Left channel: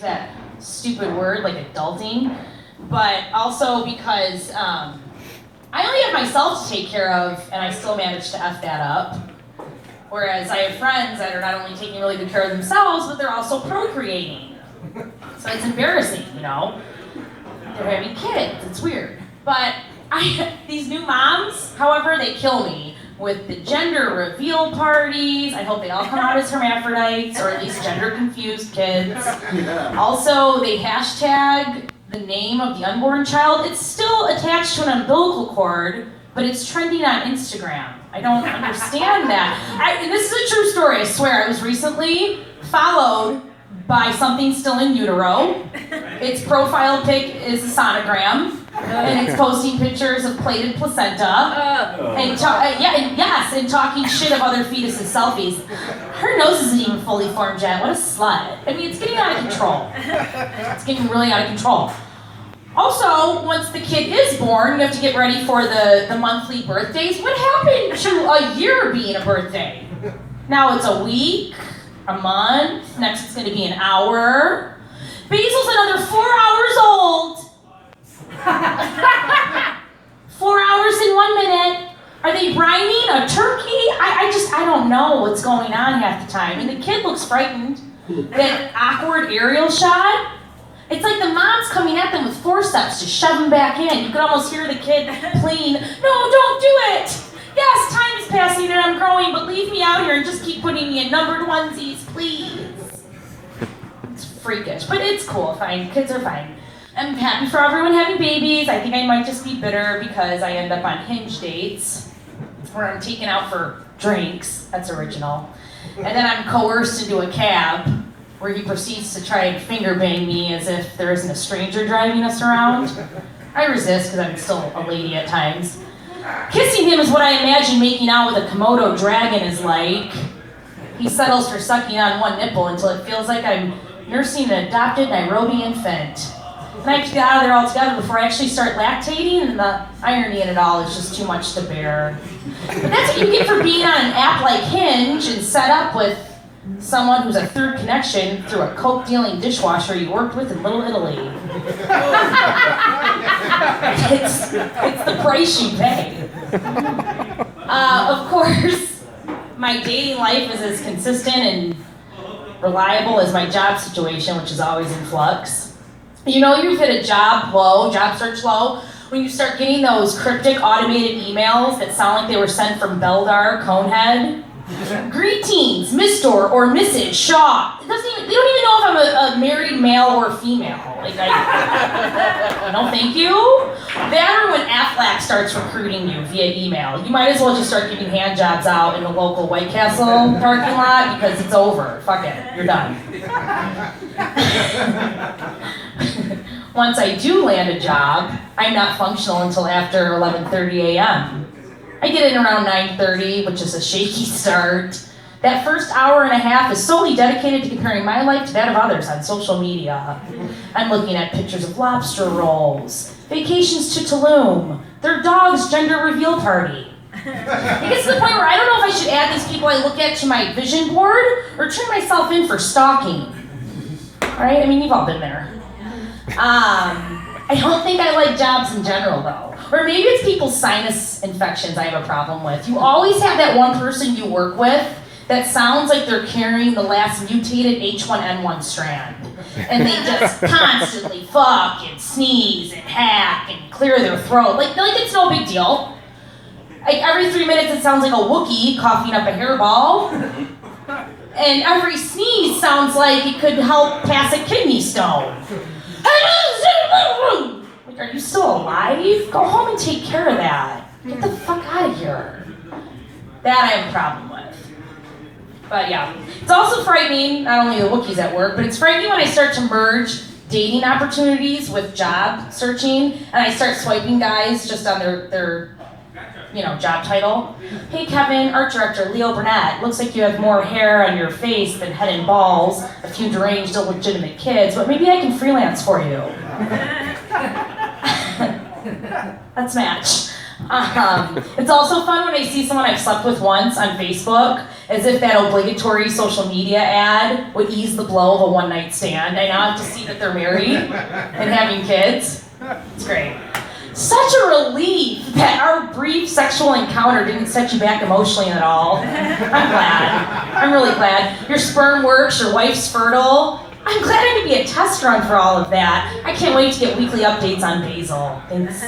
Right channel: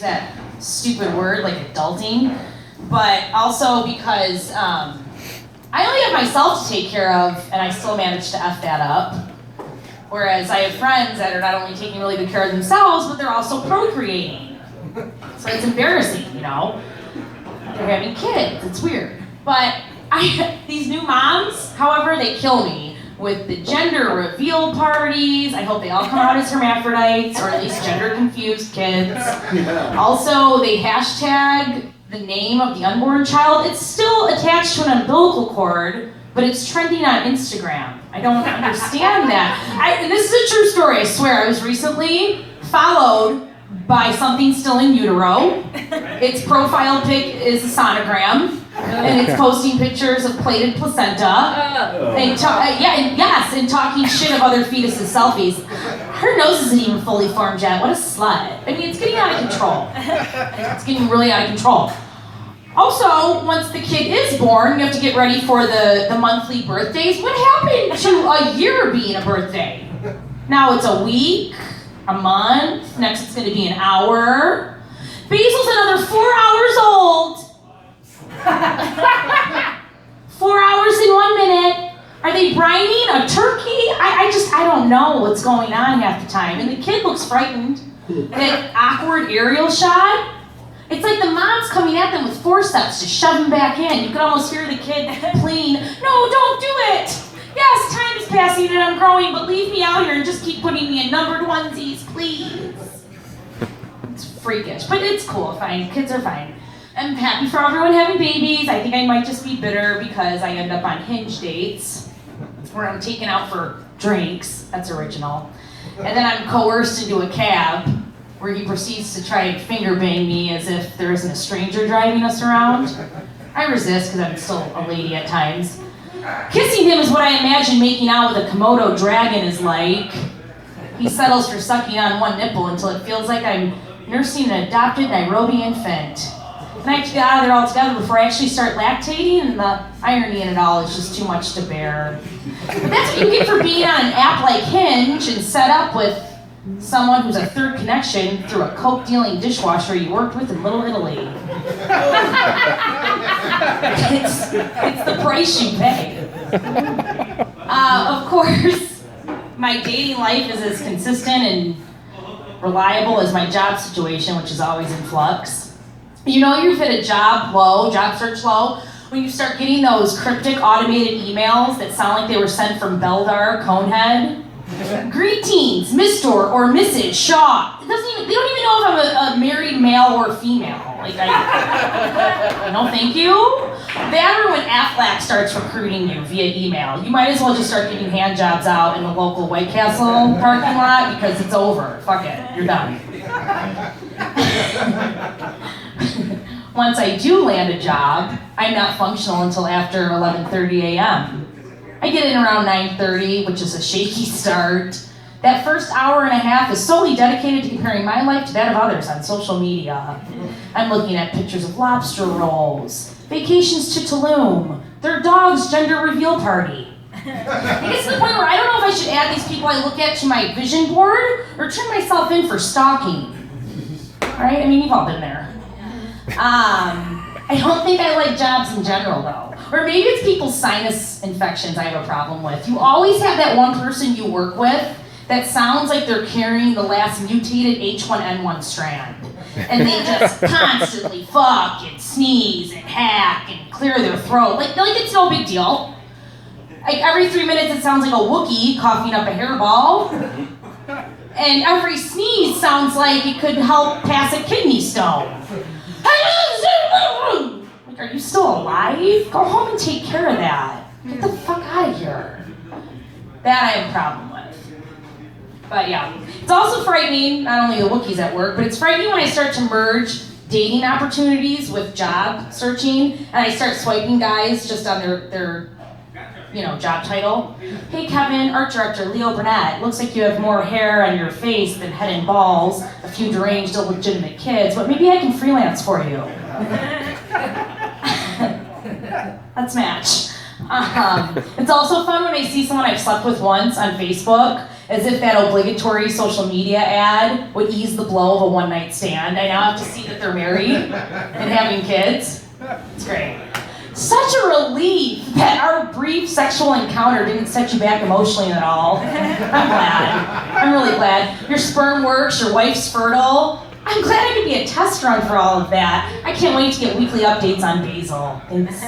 that stupid word like adulting, but also because I only have myself to take care of, and I still manage to F that up. Whereas I have friends that are not only taking really good care of themselves, but they're also procreating. So it's embarrassing, you know? They're having kids, it's weird. But these new moms, however, they kill me with the gender reveal parties. I hope they all come out as hermaphrodites, or at least gender confused kids. Also, they hashtag the name of the unborn child. It's still attached to an umbilical cord, but it's trending on Instagram. I don't understand that. And this is a true story, I swear. I was recently followed by something still in utero. Its profile pic is a sonogram, and it's posting pictures of plated placenta, and talking shit of other fetuses' selfies. Her nose isn't even fully formed yet. What a slut. I mean, it's getting out of control. It's getting really out of control. Also, once the kid is born, you have to get ready for the monthly birthdays. What happened to a year being a birthday? Now it's a week, a month, next it's going to be an hour. Basil's another 4 hours old. 4 hours in 1 minute. Are they brining a turkey? I don't know what's going on half the time. And the kid looks frightened. That awkward aerial shot. It's like the mom's coming at them with forceps to shove them back in. You could almost hear the kid pleading, "No, don't do it. Yes, time is passing and I'm growing, but leave me out here and just keep putting me in numbered onesies, please." It's freakish, but it's cool, fine. Kids are fine. I'm happy for everyone having babies. I think I might just be bitter because I end up on Hinge dates where I'm taken out for drinks. That's original. And then I'm coerced into a cab where he proceeds to try and finger bang me as if there isn't a stranger driving us around. I resist because I'm still a lady at times. Kissing him is what I imagine making out with a Komodo dragon is like. He settles for sucking on one nipple until it feels like I'm nursing an adopted Nairobi infant. And I have to get out of there altogether before I actually start lactating, and the irony in it all is just too much to bear. But that's what you get for being on an app like Hinge and set up with someone who's a third connection through a coke-dealing dishwasher you worked with in Little Italy. It's the price you pay. Of course, my dating life is as consistent and reliable as my job situation, which is always in flux. You know you've hit a job search low, when you start getting those cryptic automated emails that sound like they were sent from Beldar Conehead. Greetings, Mr. or Mrs. Shaw. They don't even know if I'm a married male or female. No thank you. That or when Aflac starts recruiting you via email. You might as well just start giving hand jobs out in the local White Castle parking lot because it's over. Fuck it, you're done. Once I do land a job, I'm not functional until after 11:30 a.m. I get in around 9:30, which is a shaky start. That first hour and a half is solely dedicated to comparing my life to that of others on social media. I'm looking at pictures of lobster rolls, vacations to Tulum, their dog's gender reveal party. It gets to the point where I don't know if I should add these people I look at to my vision board or turn myself in for stalking. Right? I mean, you've all been there. I don't think I like jobs in general, though. Or maybe it's people's sinus infections I have a problem with. You always have that one person you work with that sounds like they're carrying the last mutated H1N1 strand. And they just constantly fuck and sneeze and hack and clear their throat. Like it's no big deal. Like every 3 minutes it sounds like a Wookiee coughing up a hairball. And every sneeze sounds like it could help pass a kidney stone. Like, are you still alive? Go home and take care of that. Get the fuck out of here. That I have a problem with. But yeah, it's also frightening, not only the Wookiees at work, but it's frightening when I start to merge dating opportunities with job searching, and I start swiping guys just on their job title. Hey Kevin, art director Leo Burnett. Looks like you have more hair on your face than head and balls, a few deranged illegitimate kids, but maybe I can freelance for you. Let's match. It's also fun when I see someone I've slept with once on Facebook as if that obligatory social media ad would ease the blow of a one-night stand. I now have to see that they're married and having kids. It's great. Such a relief that our brief sexual encounter didn't set you back emotionally at all. I'm glad. I'm really glad. Your sperm works, your wife's fertile. I'm glad I could be a test run for all of that. I can't wait to get weekly updates on Basil. Thanks.